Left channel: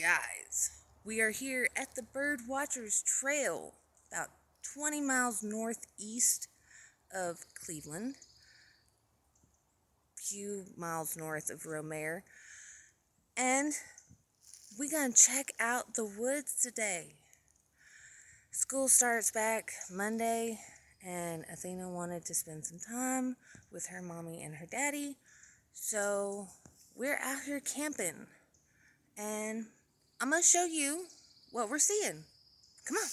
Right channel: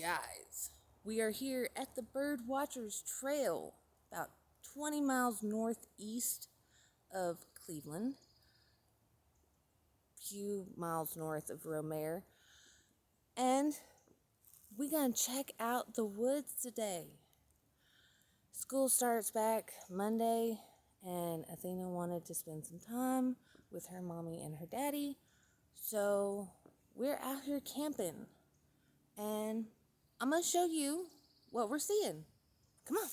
Guys, we are here at the Birdwatchers Trail, about 20 miles northeast of Cleveland, a few miles north of Romare, and we're going to check out the woods today. School starts back Monday, and Athena wanted to spend some time with her mommy and her daddy, so we're out here camping, and I'm going to show you what we're seeing. Come on.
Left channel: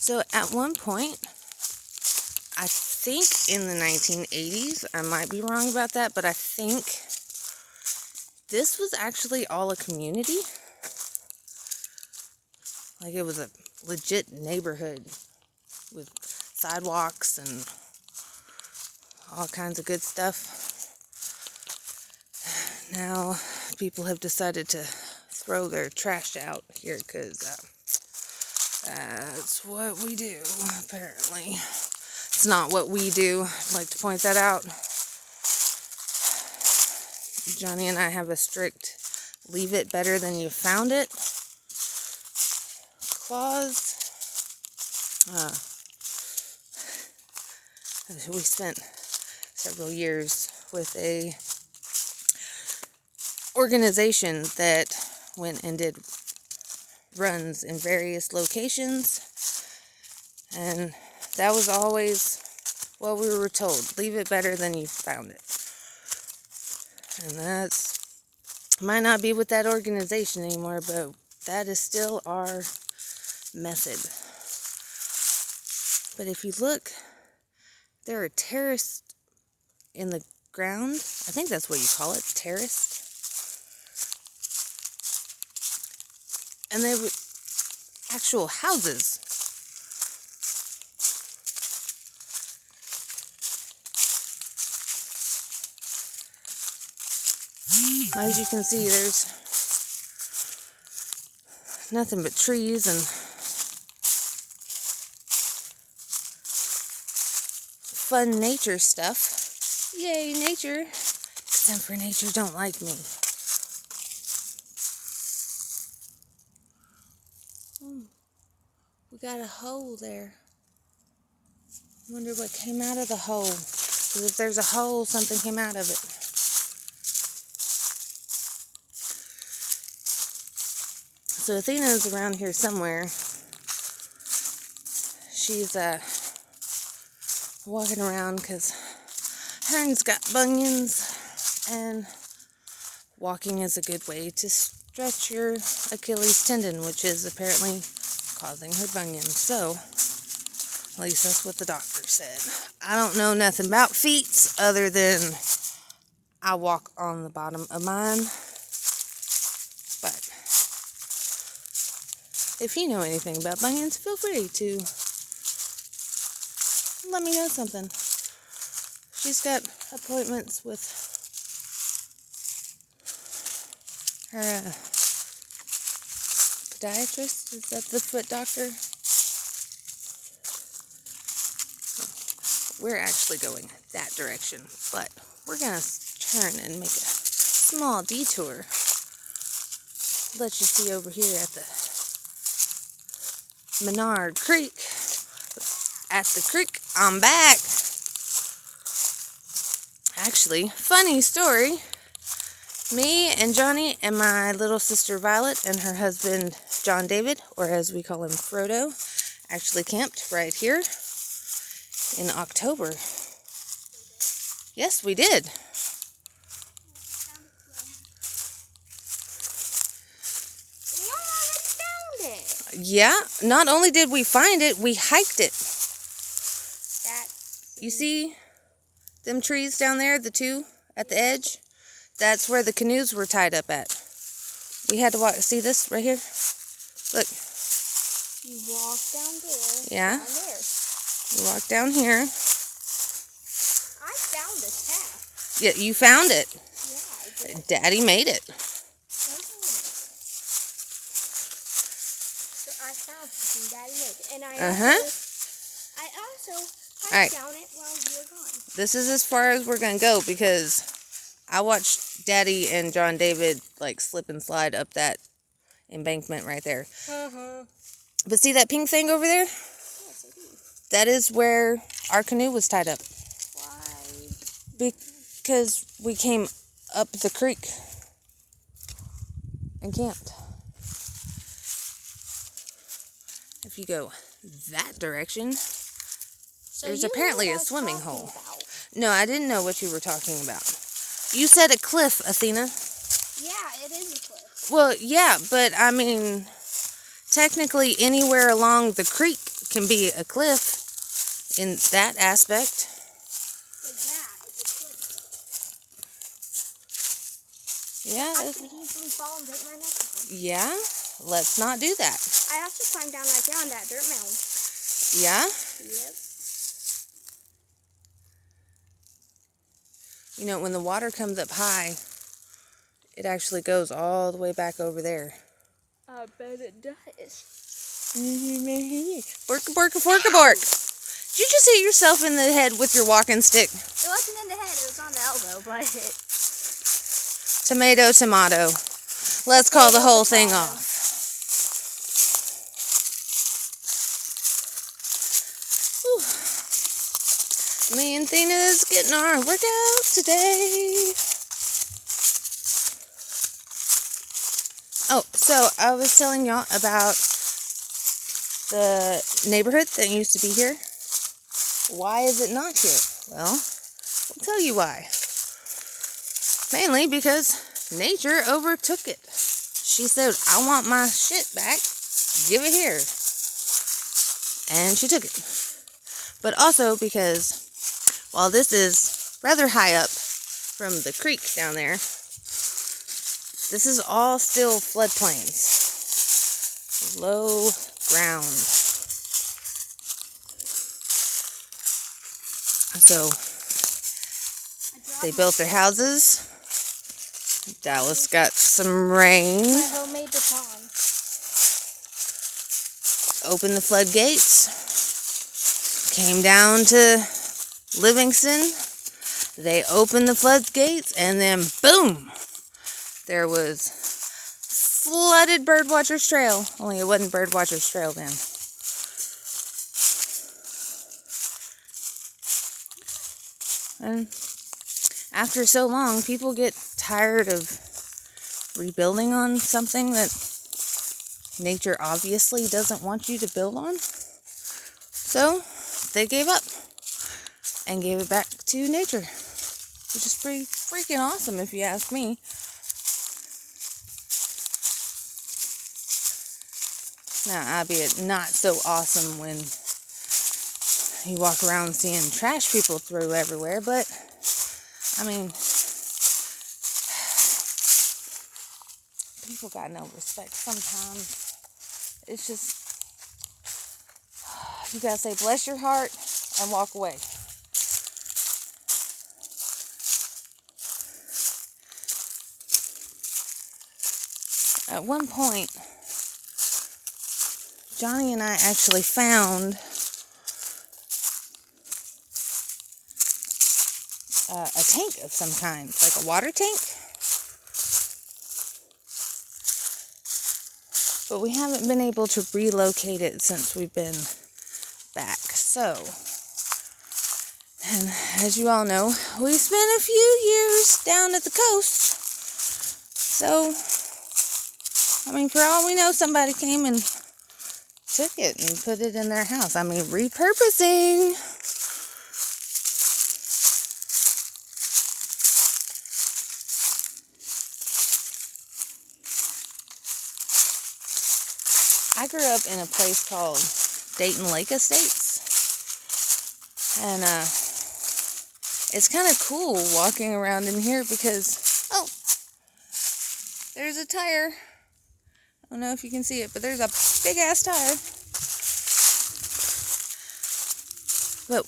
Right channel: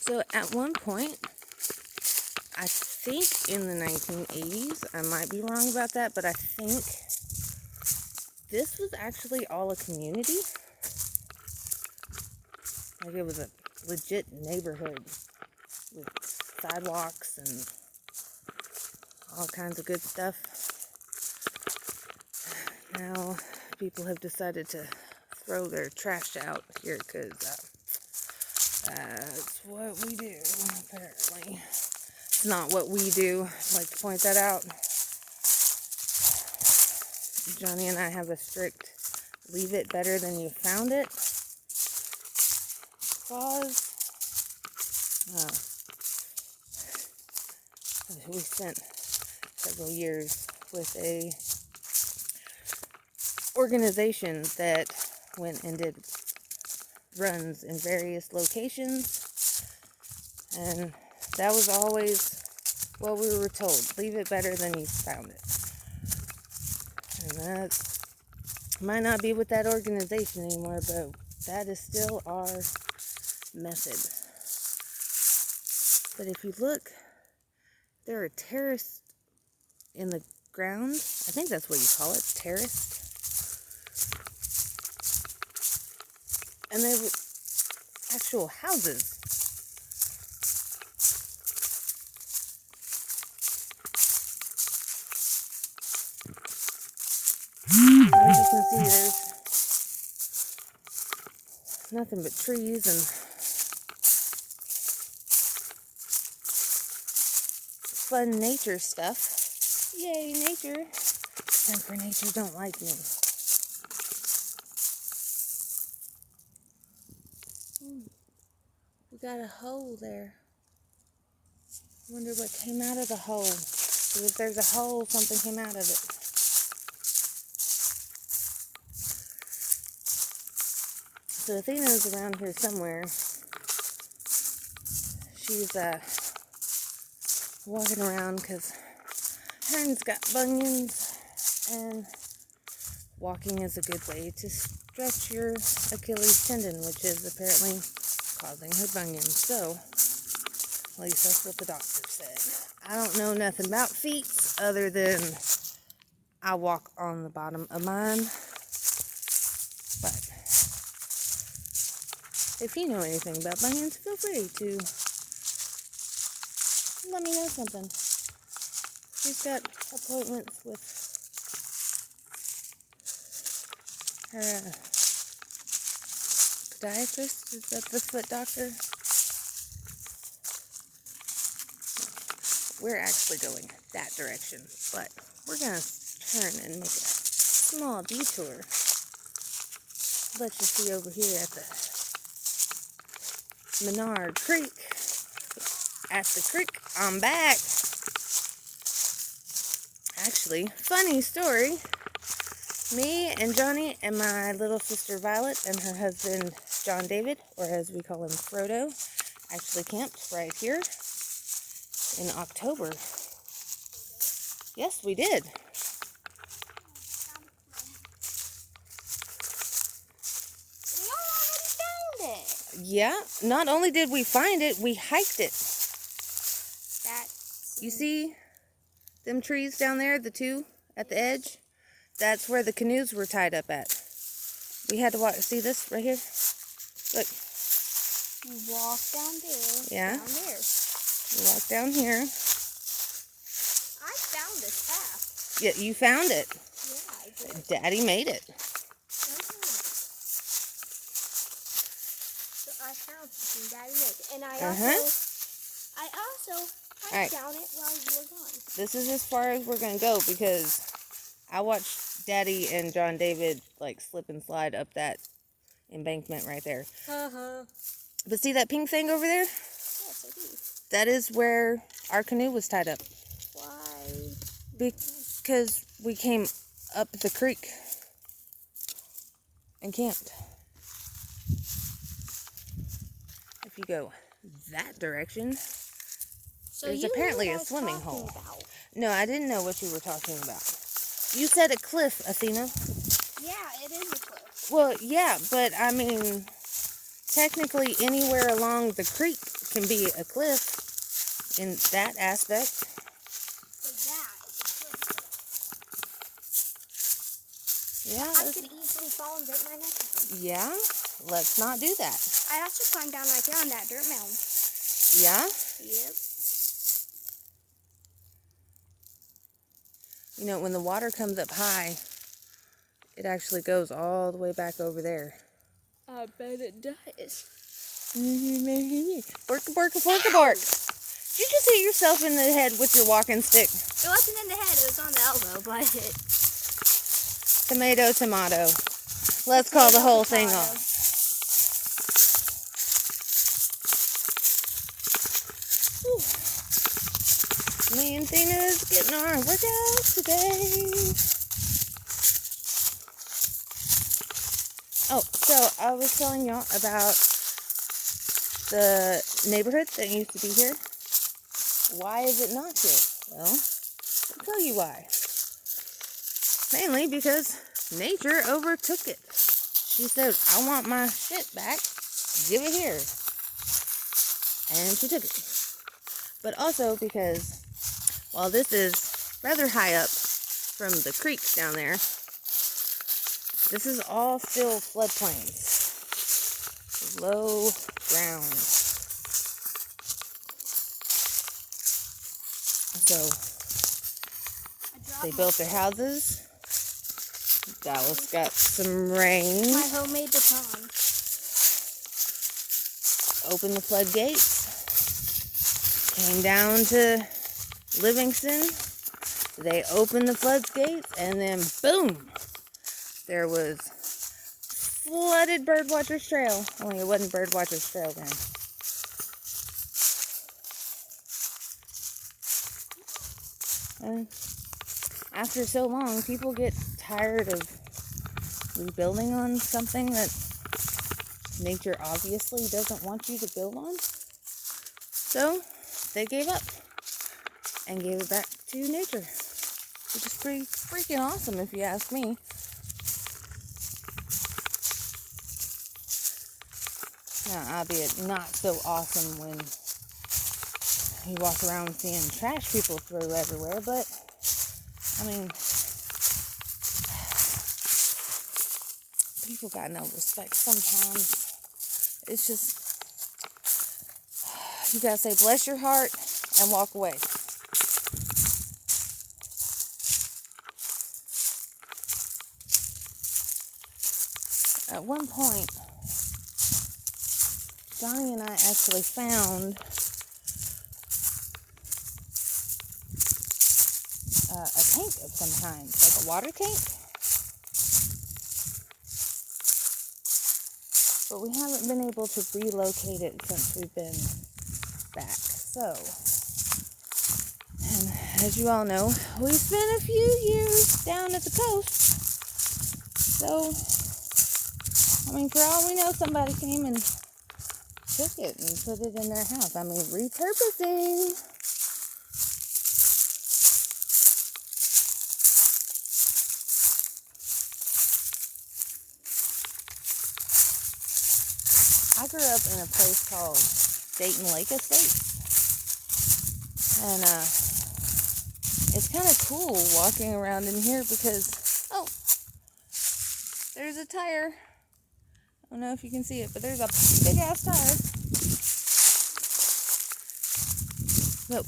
So at one point, I think in the 1980s, I might be wrong about that, but I think this was actually all a community. Like it was a legit neighborhood with sidewalks and all kinds of good stuff. Now people have decided to throw their trash out here because that's what we do, apparently. It's not what we do. I'd like to point that out. Johnny and I have a strict leave it better than you found it clause. We spent several years with a organization that went and did runs in various locations, and that was always what we were told: leave it better than you found it. And that's might not be with that organization anymore, but that is still our method. But if you look, there are terraced in the ground. I think that's what you call it, terraced. And they were actual houses. As you can see, there's nothing but trees and fun nature stuff. Yay, nature. Except for nature don't like me. We got a hole there. Wonder what came out of the hole. Because if there's a hole, something came out of it. So Athena's around here somewhere. She's walking around because Heron's got bunions, and walking is a good way to stretch your Achilles tendon, which is apparently causing her bunions. So, at least that's what the doctor said. I don't know nothing about feet other than I walk on the bottom of mine. But if you know anything about bunions, feel free to let me know something. She's got appointments with her podiatrist. Is that the foot doctor? We're actually going that direction, but we're going to turn and make a small detour. Let you see over here at the Menard Creek. At the creek, I'm back. Actually, funny story. Me and Johnny and my little sister Violet and her husband John David, or as we call him Frodo, actually camped right here in October. Yes, we did. Yeah, not only did we find it, we hiked it. You see them trees down there, the two at the edge? That's where the canoes were tied up at. We had to walk. See this right here? Look. You walk down there. Yeah. Down there. You walk down here. I found this path. Yeah, you found it. Yeah, I did. Daddy made it. I found something Daddy made. And I also I Alright. found it while you were gone. This is as far as we're going to go because I watched Daddy and John David like slip and slide up that embankment right there. But see that pink thing over there? Yes, I do. That is where our canoe was tied up. Why? Because we came up the creek and camped. If you go that direction, So there's you know apparently what a I was swimming talking hole. about. No, I didn't know what you were talking about. You said a cliff, Athena. Yeah, it is a cliff. Well, yeah, but I mean, technically anywhere along the creek can be a cliff in that aspect. But yeah, it's a cliff. Yeah, I could easily fall and break my neck with it. yeah, let's not do that. I have to climb down right there on that dirt mound. Yeah? Yep. You know, when the water comes up high, it actually goes all the way back over there. I bet it does. Borka, borka, borka, bork. Did you just hit yourself in the head with your walking stick? It wasn't in the head, it was on the elbow, but it... Tomato, tomato. Let's call the whole thing off. Whew. Me and Athena's getting our workout today. Oh, so I was telling y'all about the neighborhood that used to be here. Why is it not here? Well, I'll tell you why. Mainly because nature overtook it. She said, I want my shit back. Give it here. And she took it. But also because while this is rather high up from the creek down there, this is all still floodplains. Low ground. So they built their houses. Dallas got some rain. My homemade baton. Opened the floodgates. Came down to Livingston. They opened the floodgates and then boom! There was flooded Birdwatcher's Trail. Only it wasn't Birdwatcher's Trail then. And after so long, people get tired of rebuilding on something that nature obviously doesn't want you to build on. So they gave up and gave it back to nature, which is pretty freaking awesome if you ask me. Now, albeit not so awesome when you walk around seeing trash people throw everywhere, but I mean, people got no respect sometimes. It's just, you gotta say bless your heart and walk away. At one point, Johnny and I actually found a tank of some kind, like a water tank. But we haven't been able to relocate it since we've been back. So, and as you all know, we spent a few years down at the coast. So, I mean, for all we know, somebody came and took it and put it in their house. I mean, repurposing. I grew up in a place called Dayton Lake Estates. And it's kind of cool walking around in here because, oh, there's a tire. I don't know if you can see it, but there's a big ass tire. But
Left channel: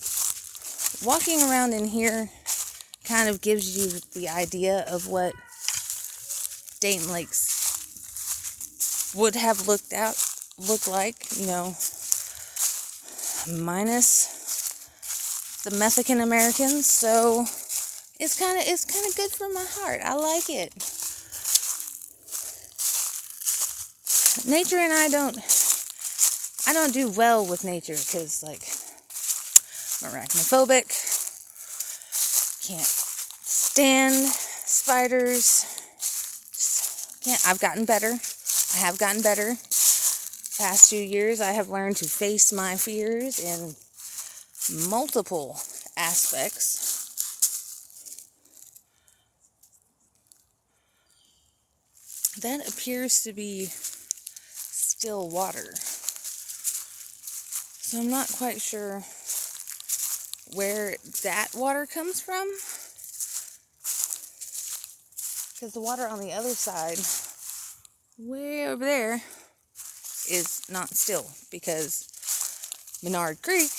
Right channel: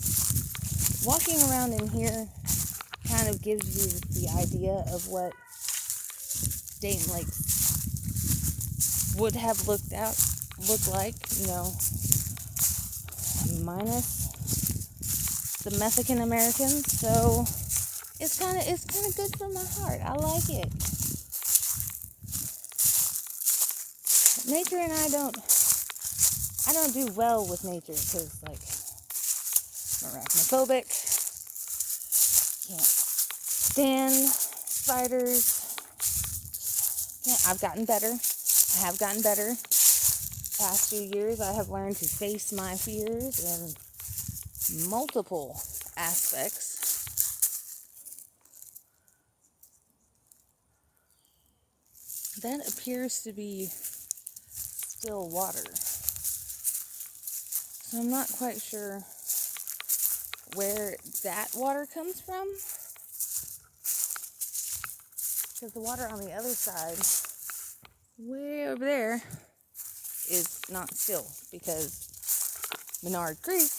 walking around in here kind of gives you the idea of what Dayton Lakes would have looked like, you know, minus the Mexican Americans, so it's kind of good for my heart. I like it. Nature and I don't do well with nature because, like, I'm arachnophobic. Can't stand spiders. Just can't. I've gotten better. I have gotten better. Past few years, I have learned to face my fears in multiple aspects. That appears to be still water. So I'm not quite sure where that water comes from. Because the water on the other side, way over there, is not still. Because Menard Creek,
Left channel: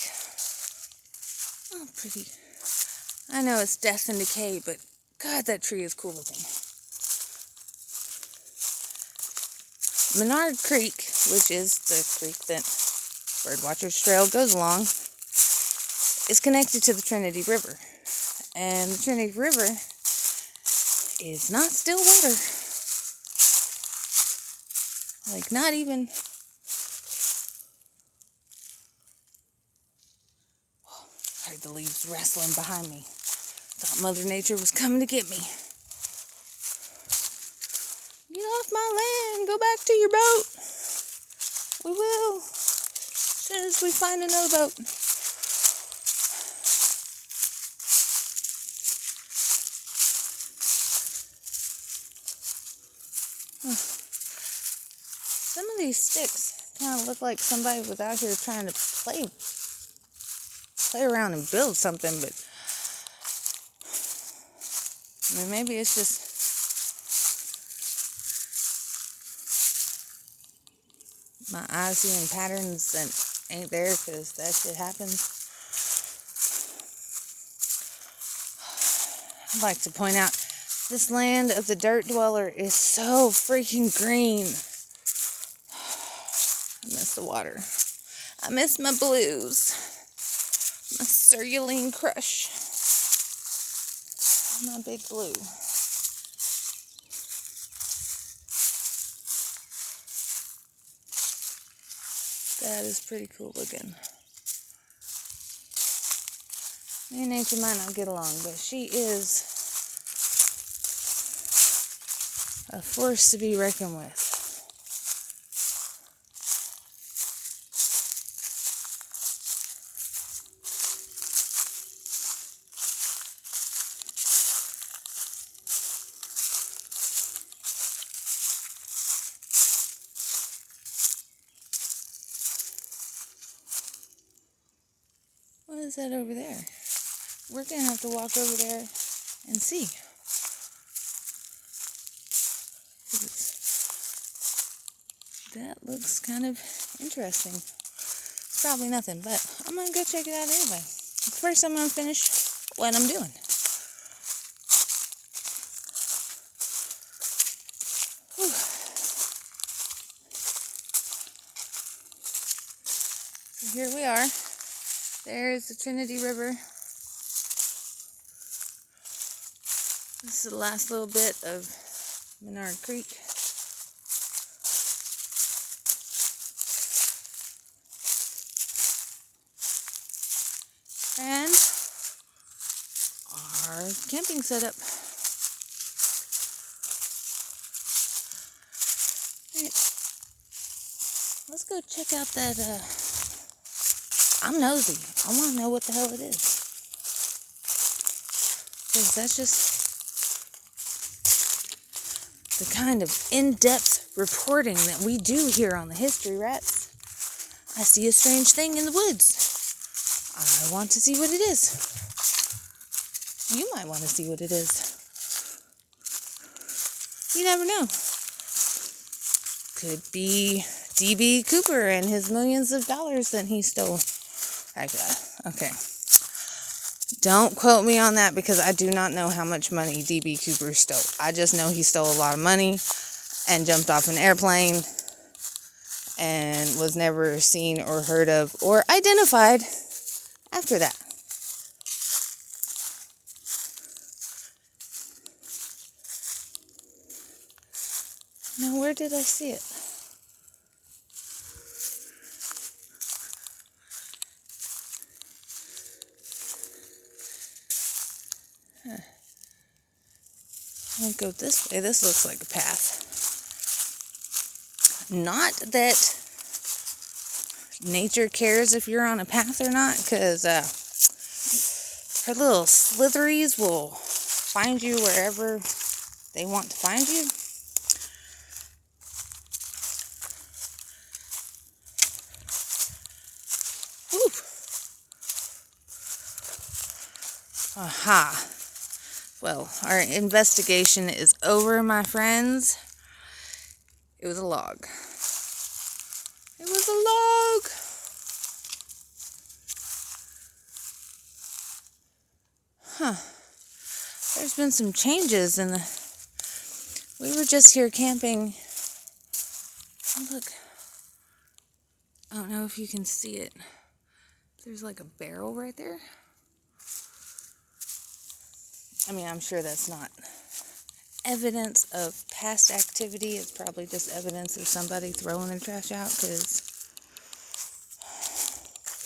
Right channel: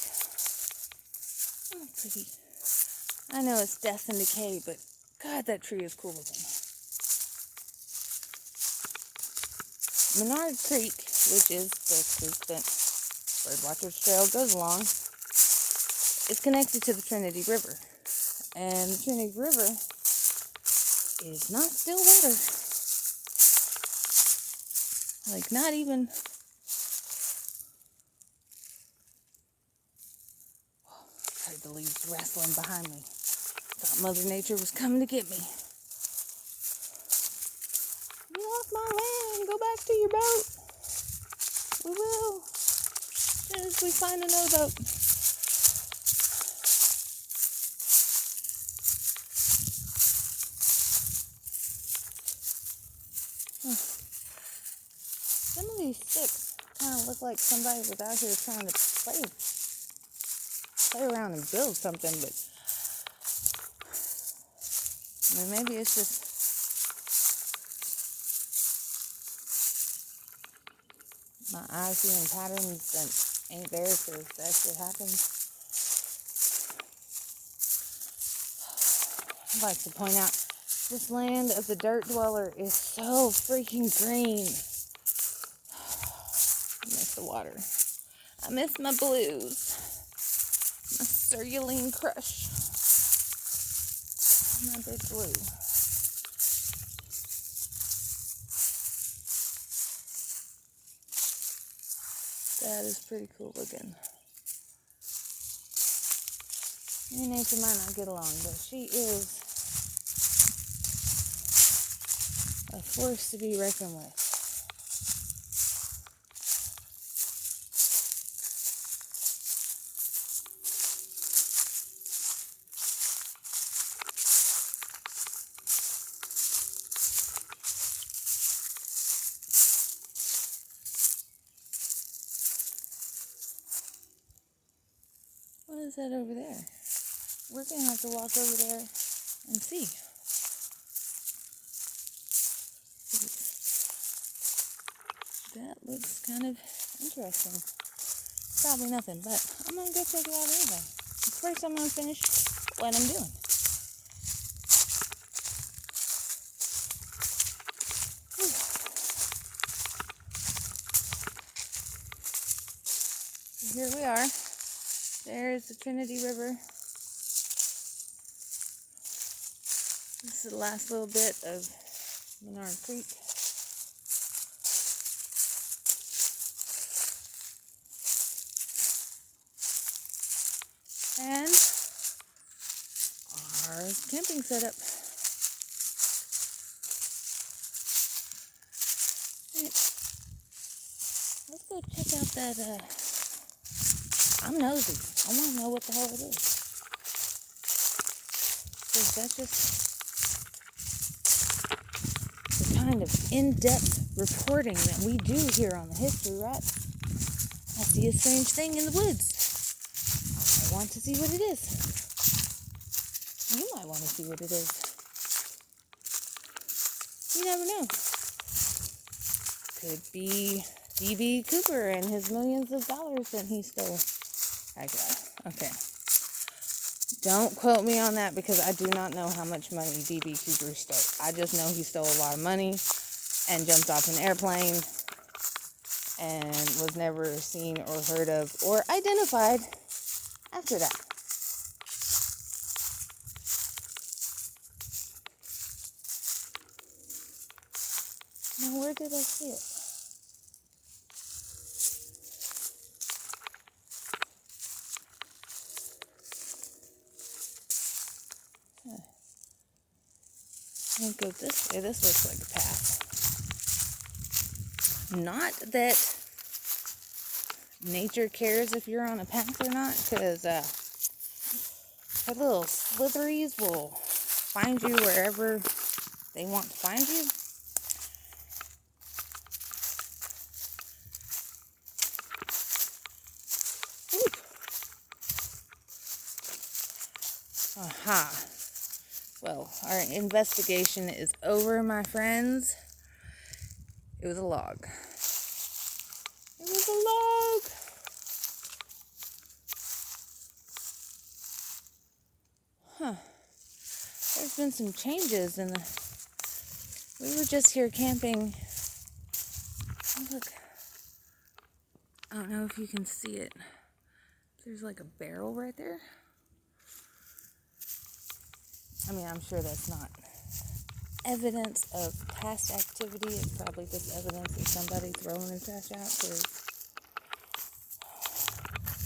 oh, pretty. I know it's death and decay, but God, that tree is cool looking. Menard Creek, which is the creek that Birdwatchers Trail goes along, is connected to the Trinity River. And the Trinity River is not still water. Like, not even... I heard the leaves rustling behind me. Thought Mother Nature was coming to get me. Get off my land. Go back to your boat. We will. As soon as we find another boat. Some of these sticks kind of look like somebody was out here trying to play around and build something, but I mean, maybe it's just my eyes seeing patterns that ain't there because that shit happens. I'd like to point out, this land of the dirt dweller is so freaking green. I miss the water. I miss my blues. My Cerulean Crush. My big blue. That is pretty cool looking. Me and nature might not get along, but she is a force to be reckoned with. What is that over there? We're going to have to walk over there and see. That looks kind of interesting. It's probably nothing, but I'm going to go check it out anyway. First, I'm going to finish what I'm doing. Whew. So here we are. There's the Trinity River. This is the last little bit of Menard Creek. And our camping setup. Right. Let's go check out that, I'm nosy. I want to know what the hell it is. Because that's just the kind of in-depth reporting that we do here on the History Rats. I see a strange thing in the woods. I want to see what it is. You might want to see what it is. You never know. Could be D.B. Cooper and his millions of dollars that he stole. Okay. Don't quote me on that because I do not know how much money D.B. Cooper stole. I just know he stole a lot of money and jumped off an airplane and was never seen or heard of or identified after that. Now, where did I see it? I'll go this way. This looks like a path. Not that nature cares if you're on a path or not, because her little slitheries will find you wherever they want to find you. Oop. Aha. Well, our investigation is over, my friends. It was a log. It was a log. Huh. There's been some changes in the... We were just here camping. Oh, look. I don't know if you can see it. There's like a barrel right there. I mean, I'm sure that's not evidence of past activity. It's probably just evidence of somebody throwing their trash out, because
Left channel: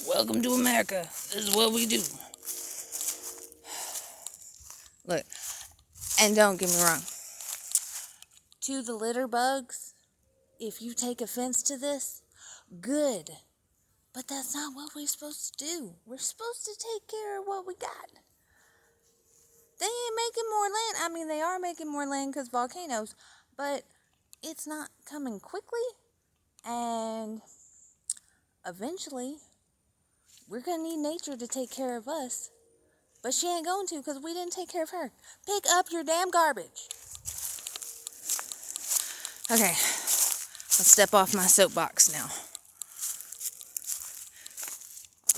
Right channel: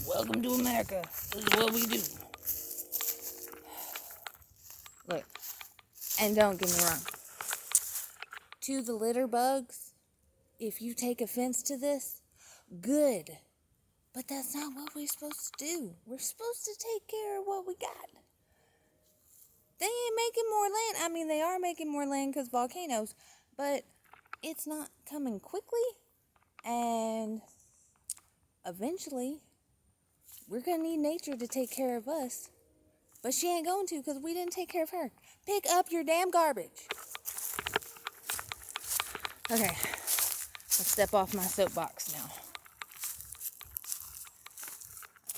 welcome to America. This is what we do. Look, and don't get me wrong. To the litter bugs, if you take offense to this, good. But that's not what we're supposed to do. We're supposed to take care of what we got. They ain't making more land. I mean, they are making more land because volcanoes, but it's not coming quickly. And eventually, we're going to need nature to take care of us. But she ain't going to, because we didn't take care of her. Pick up your damn garbage. Okay, let's step off my soapbox now.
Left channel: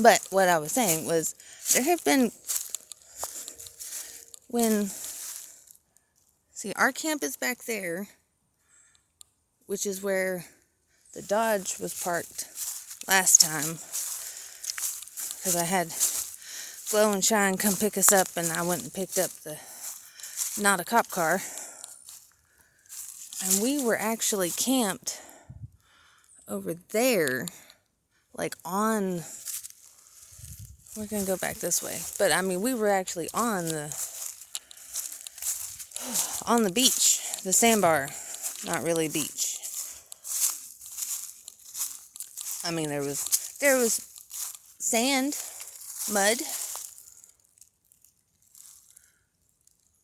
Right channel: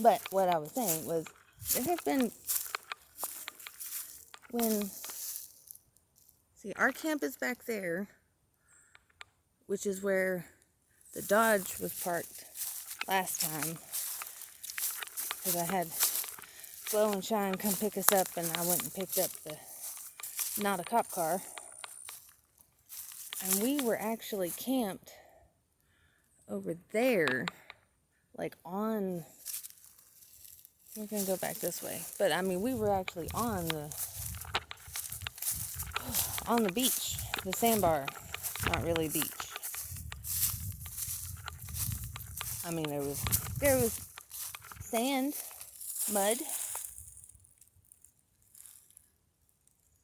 But what I was saying was, there have been... See, our camp is back there, which is where the Dodge was parked last time, because I had Glow and Shine come pick us up, and I went and picked up the not a cop car, and we were actually camped over there, like on... We're going to go back this way. But, I mean, we were actually on the beach. The sandbar. Not really beach. I mean, there was sand, mud.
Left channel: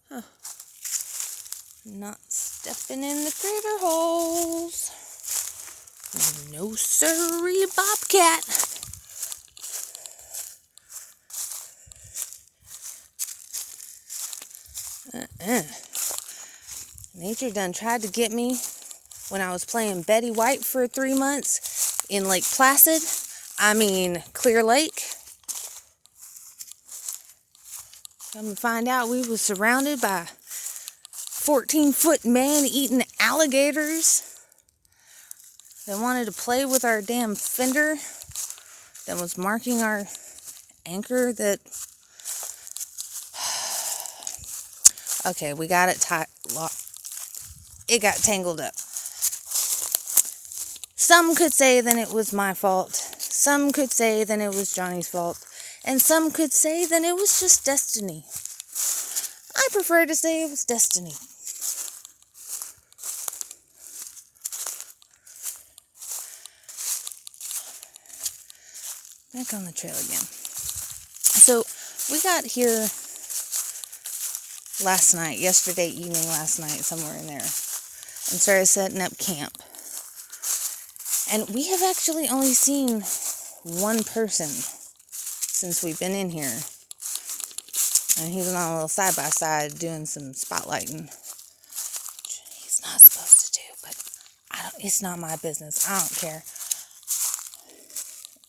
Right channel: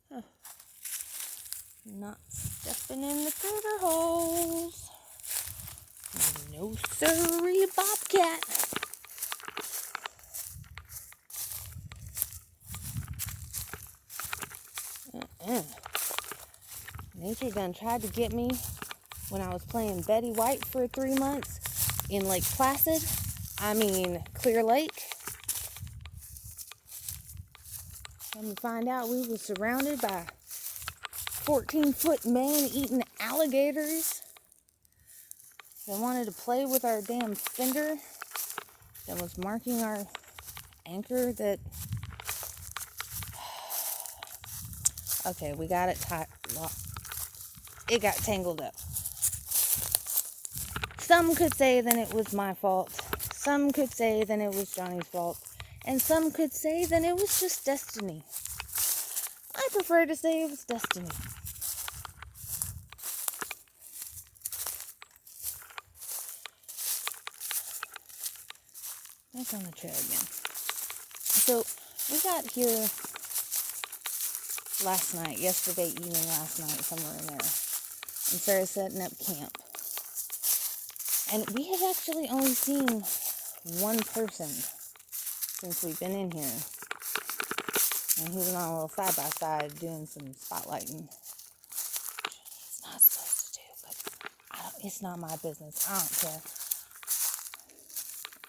Huh. Not stepping in the critter holes. No siree, Bobcat. Nature done tried to get me when I was playing Betty White for 3 months in Lake Placid. I mean, Clear Lake. Come to find out, we was surrounded by 14-foot man-eating alligators that wanted to play with our damn fender that was marking our anchor that... Okay, we got it it got tangled up. Some could say that it was my fault. Some could say that it was Johnny's fault. And some could say that it was just destiny. I prefer to say it was destiny. Back on the trail again. So, we got here yesterday evening, last night, somewhere in there, and started setting up camp. And we have actually only seen one person since we've been in here. And he's on a little side-by-side doing some spotlighting. Which he's not supposed to do, but it's not my business. I don't care.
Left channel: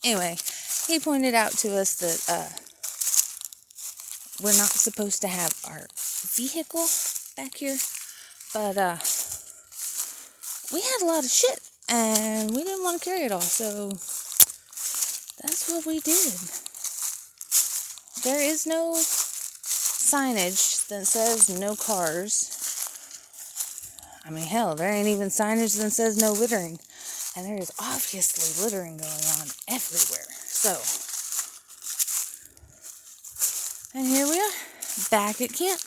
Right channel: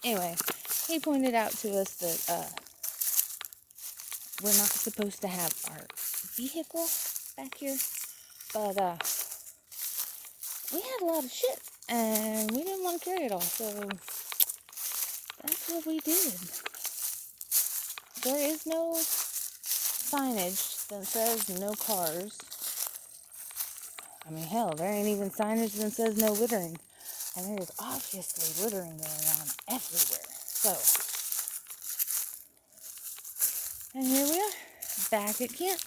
Anyway, he pointed out to us that we're not supposed to have our vehicle back here, but we had a lot of shit and we didn't want to carry it all, so that's what we did. There is no signage that says no cars. I mean, hell, there ain't even signage that says no littering. And there is obviously littering going on everywhere. So, and here we are, back at camp.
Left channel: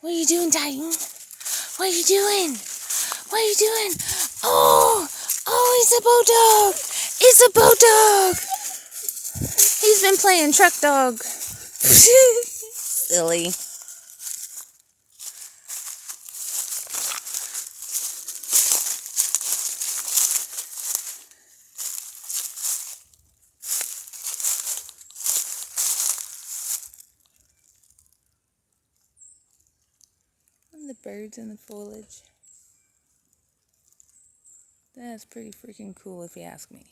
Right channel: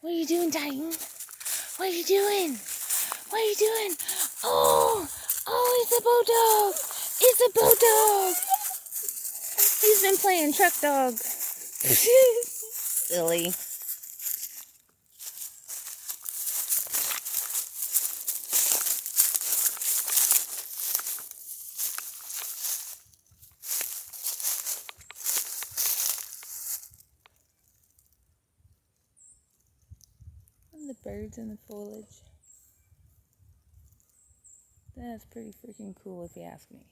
What are you doing, Titan? What are you doing? What are you doing? Oh, it's a bulldog. It's a bulldog. He's been playing truck dog. Silly. And the birds and the foliage. That's pretty freaking cool if you ask me.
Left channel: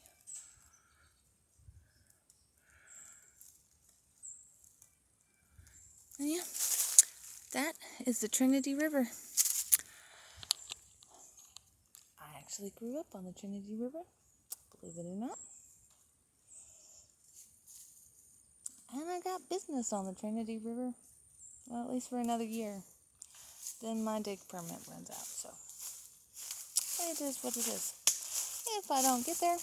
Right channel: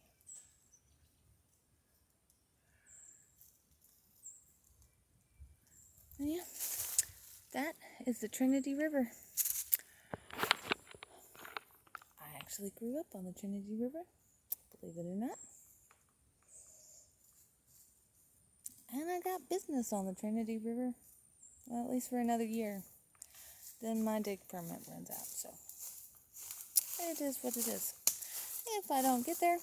And yeah, that is the Trinity River. I actually grew up on the Trinity River, believe it or not. And I got business on the Trinity River, well, at least for another year. Then my dig permit runs out, so it is what it is. If I don't get there,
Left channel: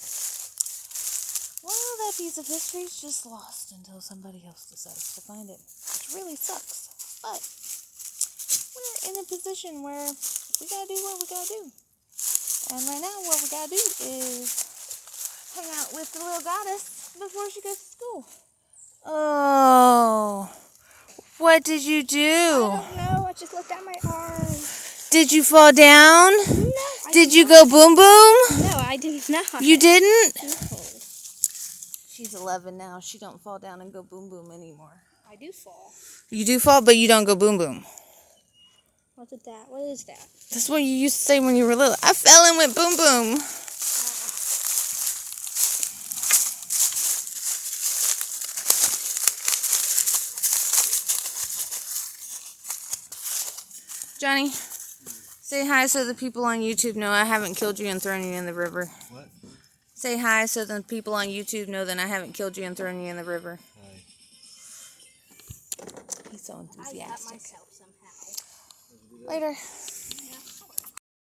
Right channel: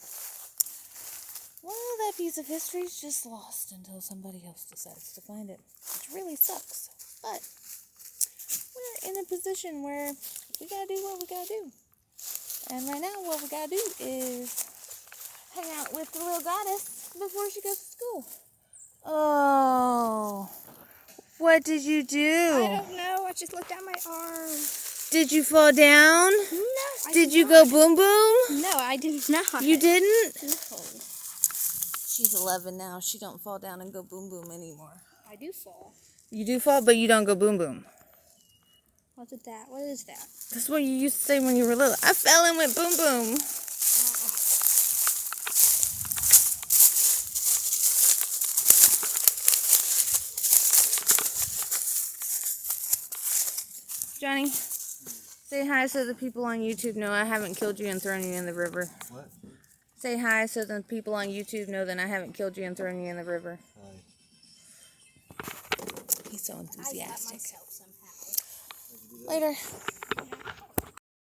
well, that piece of history is just lost until somebody else decides to find it, which really sucks. But we're in a position where we gotta do what we gotta do. And right now, what we gotta do is hang out with the little goddess before she goes to school. Oh, what did you do? I don't know. I just looked at my arm. Did you fall down? No. Did you go boom boom? No, I did not. You didn't? No. She's 11 now. She don't fall down and go boom boom anymore. I do fall. You do fall, but you don't go boom boom. What's it that? What is that? That's what you used to say when you were little. I fell and went boom boom. Johnny, say hi so the people on YouTube know I haven't killed you and thrown you in the river. What? Say hi so the people on YouTube know that I haven't killed you and thrown you in the river. Hi. He's so I got enthusiastic. myself somehow. Later.